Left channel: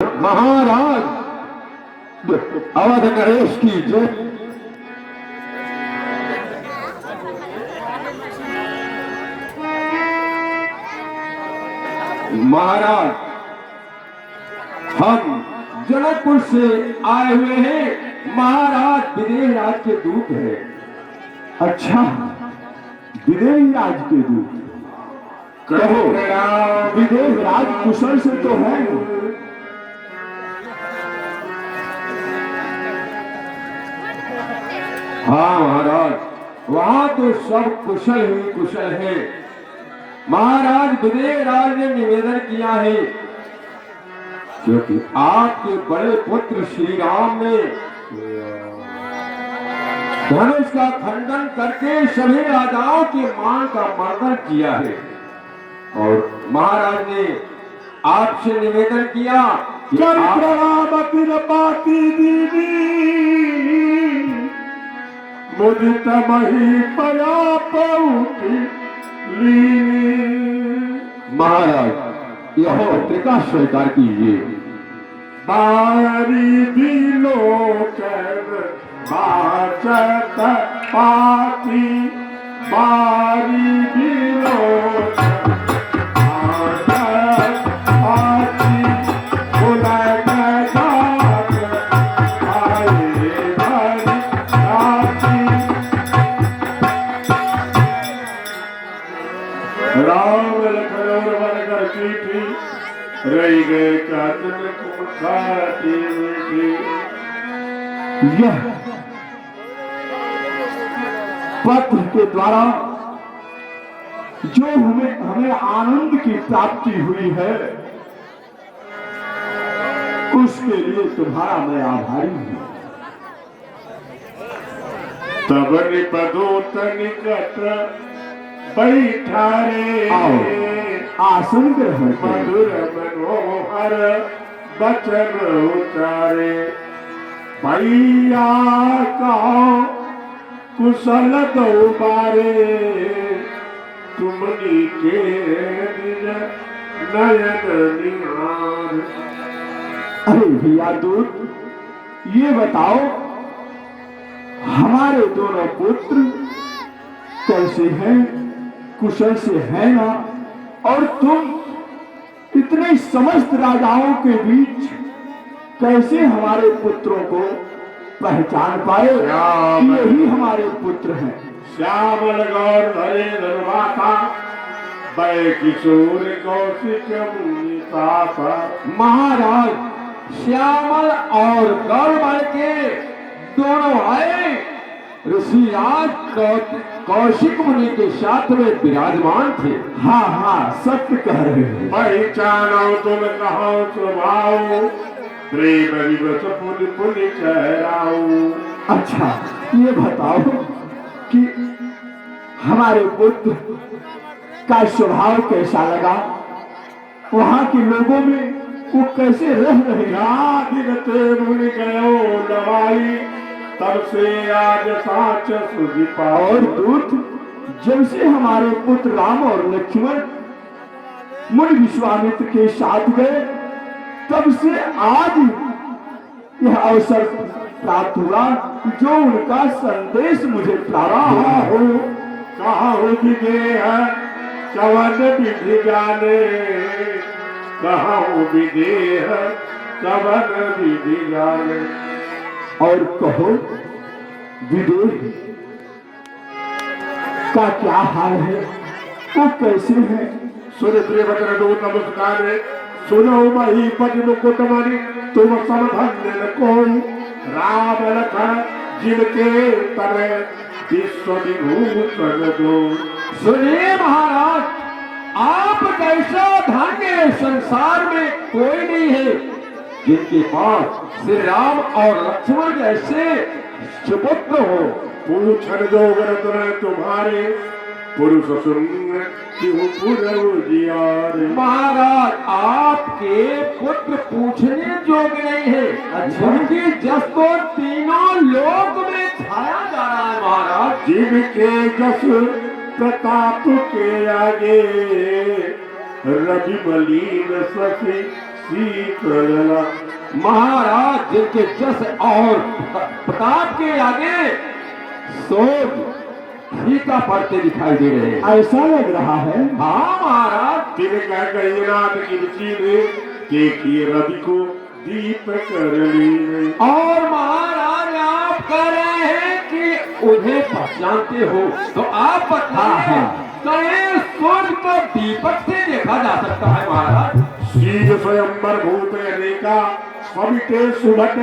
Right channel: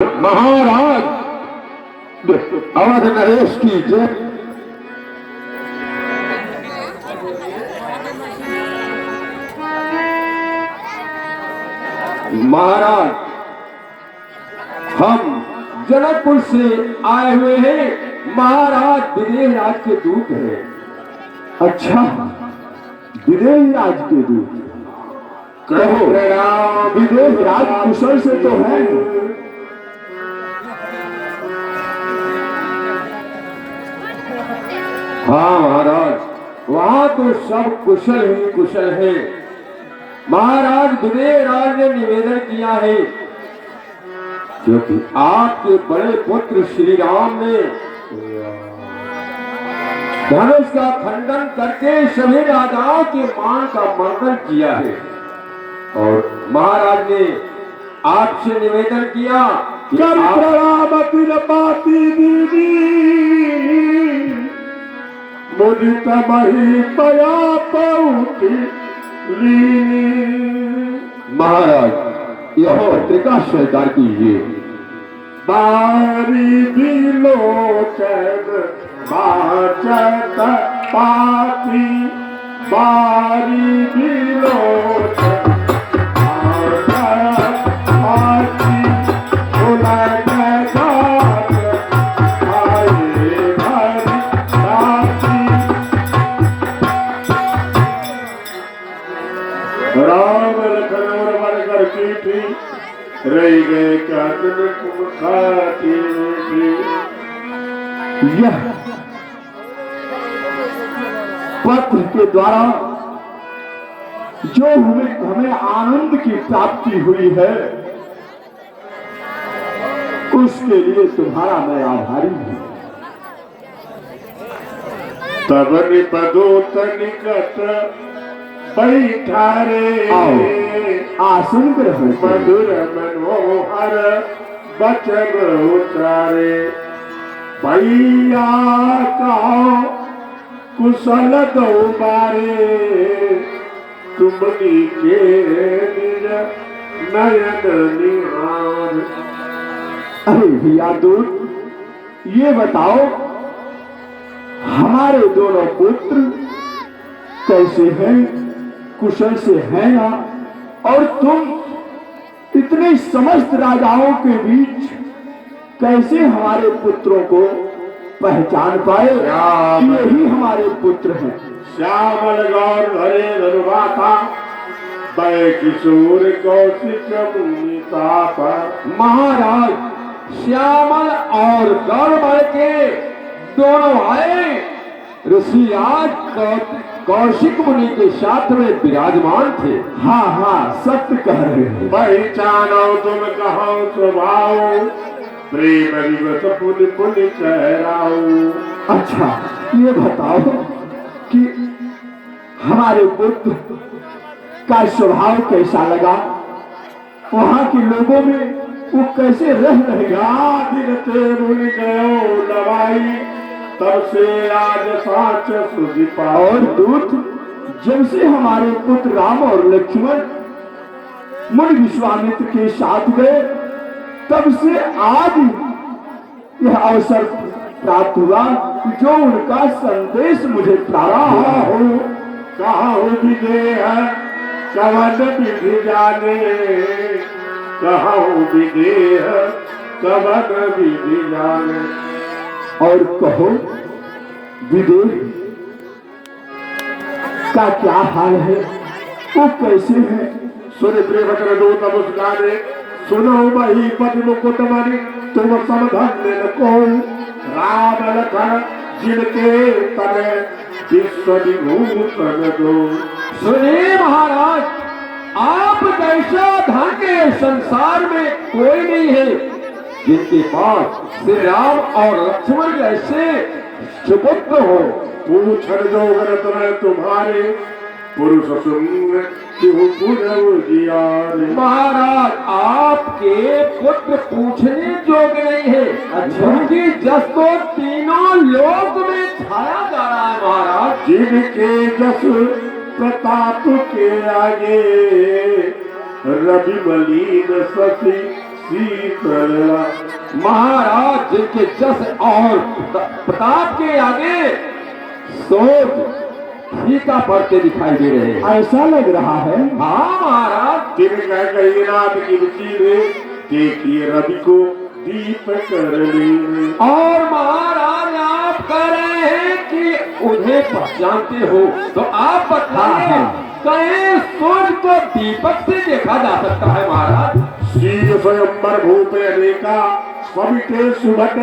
महाराज अवध नरेश की जय। महाराज हम जनकपुर से आए हुए हैं। महाराज विदेह राज के दूत हैं। अच्छा, विदेह राज के दूत। कहो विदेह राज कुशल से तो है। हाँ महाराज, वहाँ तो सब कुशल ही कुशल है। महाराज विदेह राज ने निवेदन किया है क्योंकि आपके बड़े पुत्र श्री राम ने धनुष का खंडन करके सभी राजाओं के मान का मर्दन किया है और महाराज ने आपसे निवेदन किया कि मुदित महितया पहुँची महाराज यह पत्रिका स्वीकार कीजिए। बारी बिलोचन बाचत पाती, बारी बिलोचन रही गए यह पत्र के द्वारा जो हमें आनंद की प्राप्ति हुई है उसके लिए तुम्हारा मैं आभारी हूँ। तब निपदोत निकट बैठा रे आसन ग्रहण मधुर मनोहर बचन उचारे, भैया का कुशल दौबारे तुमनी के निज नयन निहार। अरे भैया दूत, ये बताओ हमारे दोनों पुत्र कैसे हैं, कुशल से हैं ना? और तुम इतने समस्त राजाओं के बीच कैसे हमारे पुत्रों को पहचान पाए कि यही हमारे पुत्र हैं? श्यामल गौर हरे धनुवाता, बड़े किशोर कौशिक मुनिता। महाराज श्यामल और गौरव के दोनों आए ऋषि आज कौशिक मुनि के साथ में विराजमान थे। हाँ हाँ, सत्य कह रहे हैं। पहचानो तुम कहो स्वभाव, प्रेम विवश पुन पुन कहराओ। अच्छा, ये बताओ कि हमारे पुत्र का स्वभाव कैसा लगा, वहाँ के लोगों में वो कैसे रह रहेगा? मुनि गयो दवाई, तब से आज साच सुधिता। और दूत, जब से हमारे पुत्र राम और लक्ष्मण मुनि विश्वामित्र के साथ गए तब से आज यह अवसर प्राप्त हुआ जो उनका संदेश मुझे प्राप्त हो। कहा हो विदेह कवन विधि जाने, कहा हो विदेह कवन विधि जाने। और कहो विदेह का क्या हाल है, वो कैसे है? सुन प्रेरक दो नमस्कार, सुनो मही तब को तुम्हारी तुम समधन्य को राम लखन जिनके तने विश्व विभूषण दो। सुनिए महाराज, आप जैसा धन्य संसार में कोई नहीं है जिनके पास श्री राम और लक्ष्मण जैसे सुपुत्र हो। पूछन जोगर तुम्हारे पुरुष सुन क्यों पुरजियारे। महाराज आपके पुत्र पूछने योग्य नहीं है। जिनकी जस तो तीनों लोक में छाया जा रहा है महाराज। जिनके जस प्रताप के आगे रवि मलिन सखी शीतल महाराज जिनके जस और प्रताप के आगे सोच फीका पड़ते दिखाई दे रहे हैं। ऐसा लग रहा है। हाँ महाराज। तिन कह कही नाथ की रुचि में देखिए रवि को दीप कर ली। और महाराज आप कह रहे हैं कि उन्हें पहचानते हो तो आप बताइए कहे सूर्य को दीपक से देखा जा सकता है महाराज? श्री स्वयंवर भूत अनेका सविते सुभट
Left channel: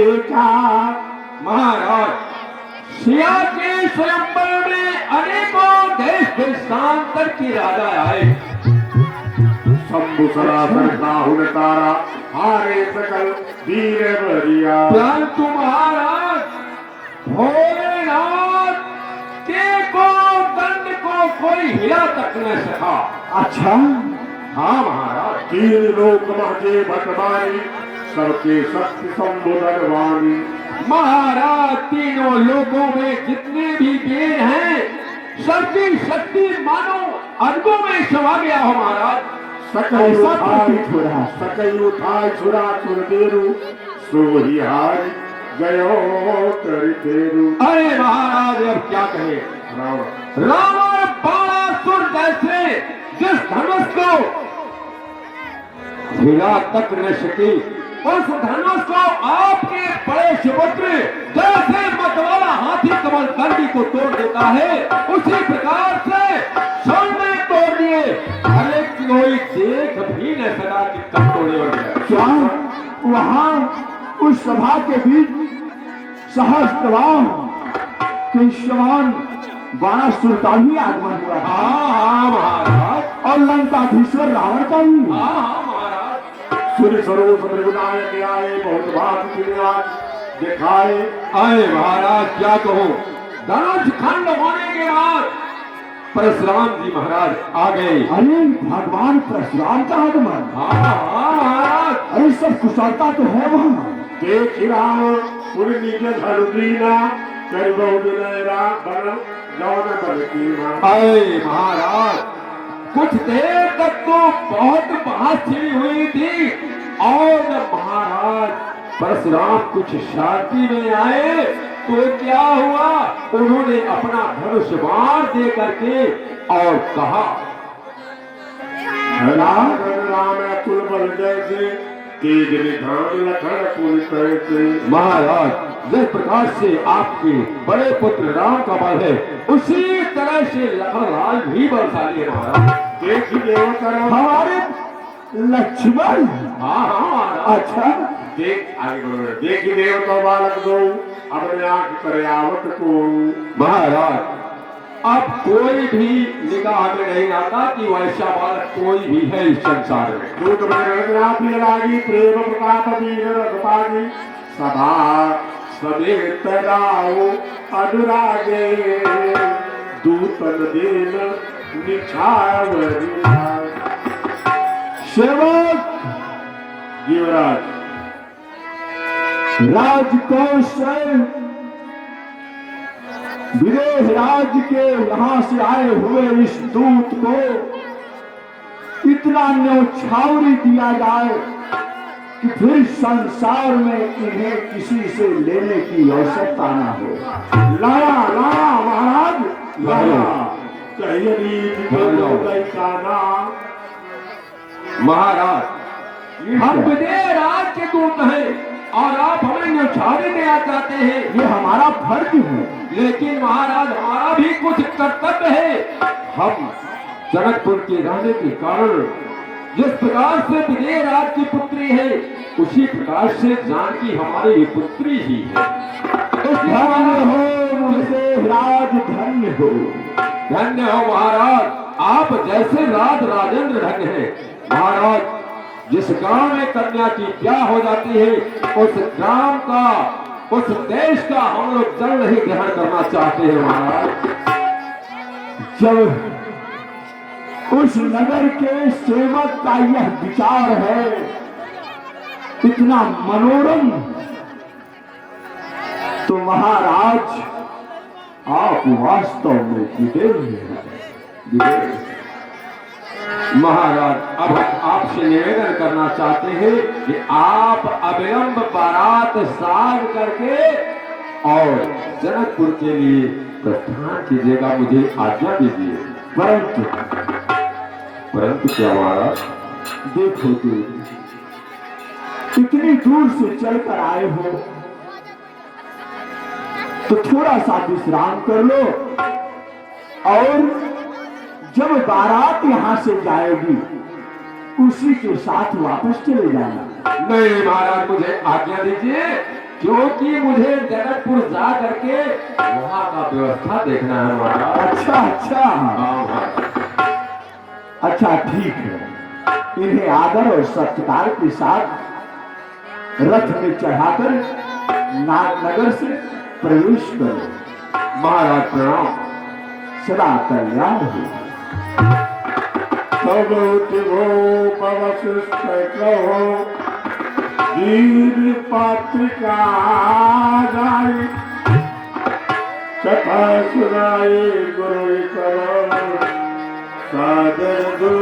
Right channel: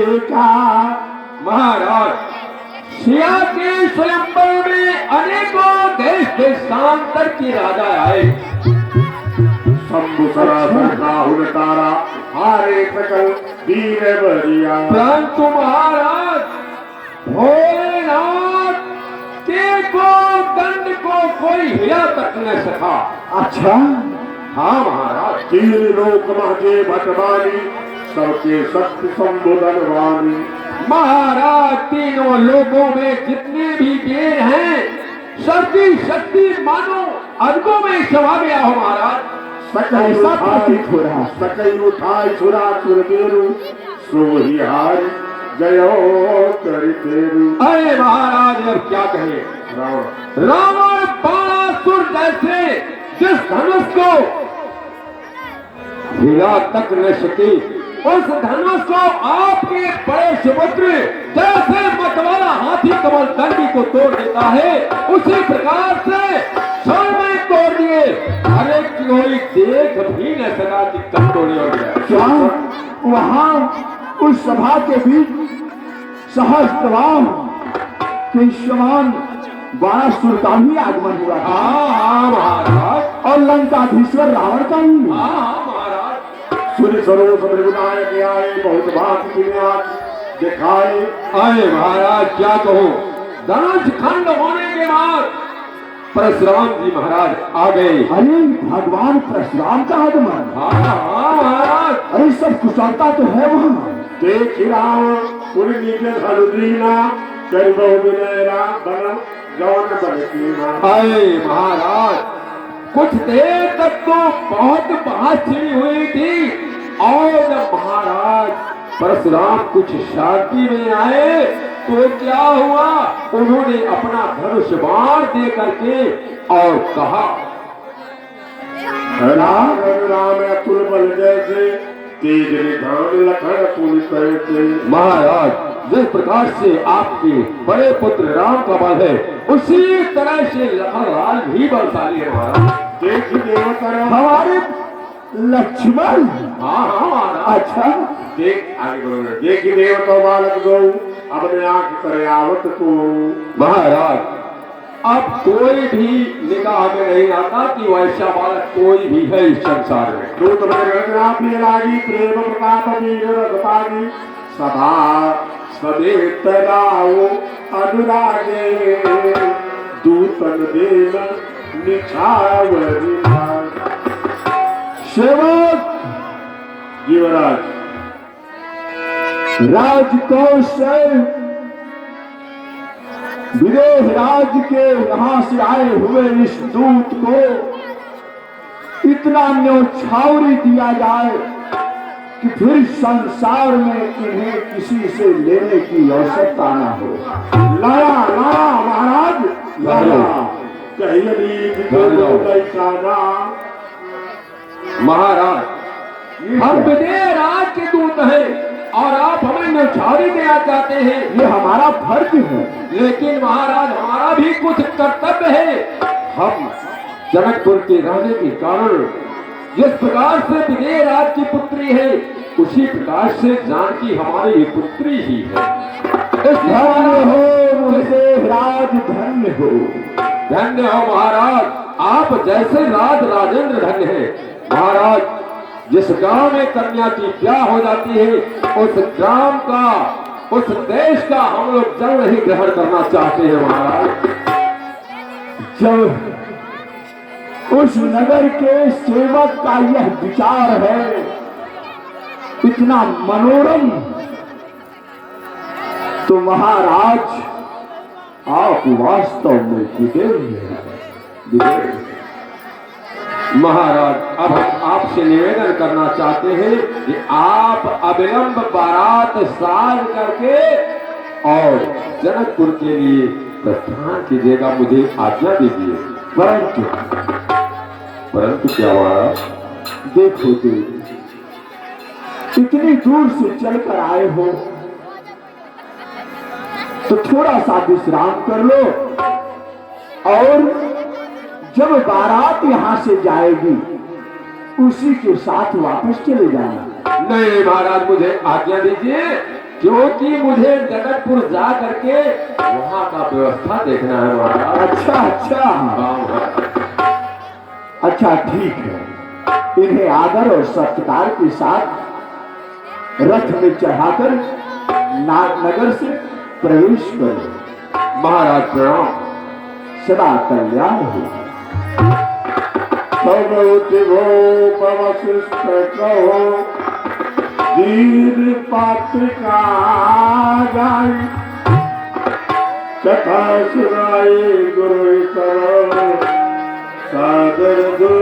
एका। महाराज सिया के स्वयंवर में अनेकों देश देशांतर के राजा आए। शंभु सरासर राहुल तारा हारे सकल वीर बरिया। परंतु महाराज भोलेनाथ के को दंड को कोई हिला तक न सका। अच्छा। हाँ महाराज। तीन लोक महके भटवानी सबके शक्ति संबोधन वाणी। महाराज तीनों लोगों में जितने भी वीर हैं सबकी शक्ति मानो अर्गों में समा गया हो महाराज। सकल उठाई छुरा सुरदेरु सोहिहार जयो करितेरु। अरे महाराज अब क्या कहे। रावण बाणासुर जैसे जिस धनुष को हिला तक न सके उस धनुष को आपके बड़े सुपुत्र जैसे मतवाला हाथी कमल दंडी को तोड़ देता है उसी प्रकार से स्वर्ण तोड़ दिए। अरे कोई देख भी न सका कि कब तोड़े हो गया। क्या वहाँ उस सभा के बीच सहस्त्राम कृष्ण बाणासुर का ही आगमन हुआ। हाँ महाराज। और लंकाधीश्वर रावण का ही। हाँ महाराज। सूर्य सरोज विनायक आए बहुत भात दिखाए। आए महाराज क्या कहो। दास खंड होने के बाद परशुराम जी महाराज आ गए। अरे भगवान परशुराम का आगमन। हाँ महाराज। अरे सब कुशलता तो है वहाँ। देख राम पूरी निज धरुदीना चरबो विनयरा बन जौन बलकीना। आए महाराज कुछ देर तक तो बहुत बात हुई थी और जब महाराज परशुराम कुछ शांति में आए तो क्या हुआ उन्होंने अपना धनुष बाण दे करके और कहा राम राम अतुल बल जैसे तेज निधान लखन तुल कैसे। महाराज जिस प्रकार से आपके बड़े पुत्र राम का बल है उसी तरह से लखनलाल भी बलशाली है महाराज। देखिए हमारे लक्ष्मण। हाँ हाँ। अच्छा देख आगे देखिए देव का बालक गौ अपने आंख करे आवत को। महाराज अब कोई भी निगाह में नहीं आता कि वैसा बालक कोई भी है इस संसार में। दूत लागी प्रेम प्रताप वीर रघुपानी सभा समेत राओ अनुरागे दूतन देव निछावरी। सेवक युवराज राजकोष विदेह राज के यहाँ से आए हुए इस दूत को इतना न्यौछावरी दिया जाए कि फिर संसार में इन्हें किसी से लेने की आवश्यकता न हो। लाया लाया महाराज लाया महाराज हम विदेह राज के दूत हैं और आप हमें न्यौछावरी देना चाहते हैं। ये हमारा फर्ज है। लेकिन महाराज हमारा भी कुछ कर्तव्य है। हम जनकपुर के रहने के कारण जिस प्रकार से विदेह राज की पुत्री है उसी प्रकार से जानकी हमारी पुत्री ही है। धन्य हो विदेह राज धन्य हो। धन्य हो महाराज आप जैसे राज राजेंद्र धन्य है। महाराज जिस गांव में कन्या की ब्याह हो जाती है उस ग्राम का उस देश का हम लोग जल नहीं ग्रहण करना चाहते हैं महाराज। जब उस नगर के सेवक का यह विचार है इतना मनोरम तो महाराज आप वास्तव में विदेह महाराज अब हम आपसे निवेदन करना चाहते हैं कि आप अविलंब बारात साज करके और जनकपुर के लिए प्रस्थान कीजिएगा, मुझे आज्ञा दीजिए। परंतु क्या हुआ? देखो तुम इतनी दूर से चलकर आए हो तो थोड़ा सा विश्राम कर लो और जब बारात यहाँ से जाएगी उसी के साथ वापस चले जाना। नहीं महाराज, मुझे आज्ञा दीजिए, क्योंकि मुझे जनकपुर जा करके वहाँ का व्यवस्था देखना है महाराज। अच्छा अच्छा ठीक है, इन्हें आदर और सत्कार के साथ रथ में चढ़ाकर नागनगर से प्रवेश करो। महाराज प्रणाम। सदा कल्याण हो। कथा सुनाए गुरु का सादर दो